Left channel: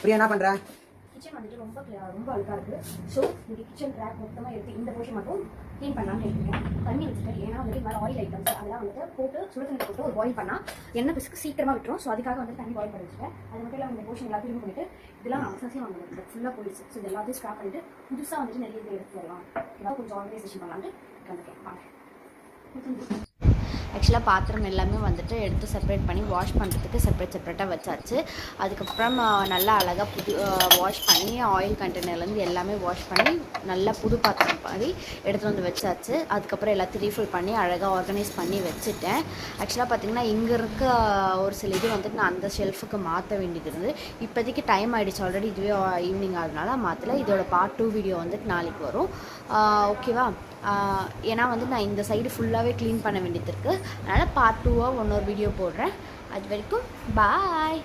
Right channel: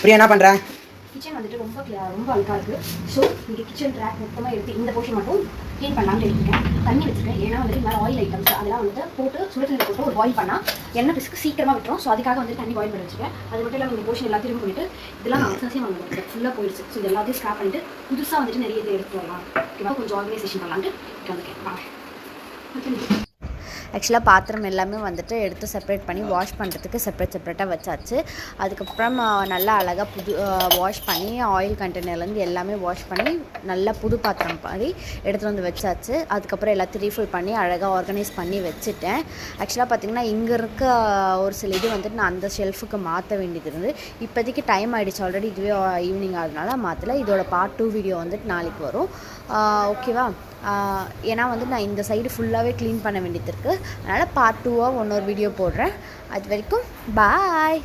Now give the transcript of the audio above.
பிரியா என்ன பண்ணுற? கிச்சன் வந்துட்டு ரொம்ப அழுக்காக இருக்குது. ஸோ இங்கே கிச்சன் ட்ராக் மொத்தமாக எடுத்து இந்த போர்ஷன் மட்டும் க்ளீன் பண்ணலாம்னு எடுத்துருக்கேன். தண்ணி வச்சுருக்கேன். ஏன்னா வந்துட்டு இந்த மாதிரி ஆயில் ஐட்டம்ஸ் அதெல்லாம் வந்துட்டு போட்டு சுடுதண்ணி போட்டு ஒரு பாயில் பண்ணால் எண்ணெய் பிசுக்கு சீக்கிரமாக விட்டுரும். ஸோ அதுக்காக வந்து தண்ணி பாயில் பண்ணி வச்சுருக்கேன். அது மட்டும் இல்லாமல் இந்த போர்ஷன் எல்லாத்தையும் பண்ணிட்டு இதெல்லாம் நான் அவசியம் வாங்க ஃபுல்லாக போயிடுச்சு. ஸோ இது எல்லாத்தையும் ஸ்க்ராப் பண்ணிட்டு புதுசாக வந்துட்டு நிறைய இது எடுத்து வரலாம். ஓகேவா? கொஞ்சம் ஆர்கனைசேஷன் பண்ணலான்ட்டு வந்திருக்கேன். ஆக்சுவலாக பாத்திரம் எல்லாமே வந்துட்டு எடுத்து செப்பரேட் பண்ணி வாஷ் பண்ணுறதுக்கு செப்பரேட்டாக வச்சாச்சு. அதுக்கப்புறம் நல்லா அழகாக வாஷ் பண்ணி ஆயில் கண்டெய்னர்லேருந்து எல்லாமே வாஷ் பண்ணி நல்லா புது பாத்திரம் பண்ணி எடுத்துகிட்டு வந்து வச்சாச்சு. அதுக்கப்புறம் எல்லாத்தையும் ரீஃபில் பண்ணி அழகாக ஆர்கனைஸ் பண்ணி வச்சுட்டேன். ஆக்சுவலாக பார்த்திங்கன்னா இங்கே இருக்க ஒரு சில இது வந்துட்டு நான் அந்த ஷெல்ஃபுக்கு மாற்ற வேண்டியது இருந்து இப்போதைக்கு டைம் ஆகிடுச்சு. ஆல்ரெடி இதுவே ஈவினிங் ஆகுதுனால மாற்றலை. இதோட பார்ட் 2 வீடியோ வந்துட்டு நாளைக்கு வரும். ஓகேவா? ஏன்னா வந்து நான் இந்த சைடு ஃபுல்லாகவே க்ளீன் பண்ண வேண்டியது இருக்குது. அதனால் பார்ட் 2 இன்னொரு வீடியோ போடுறேன். அது வரைக்கும் பாய்.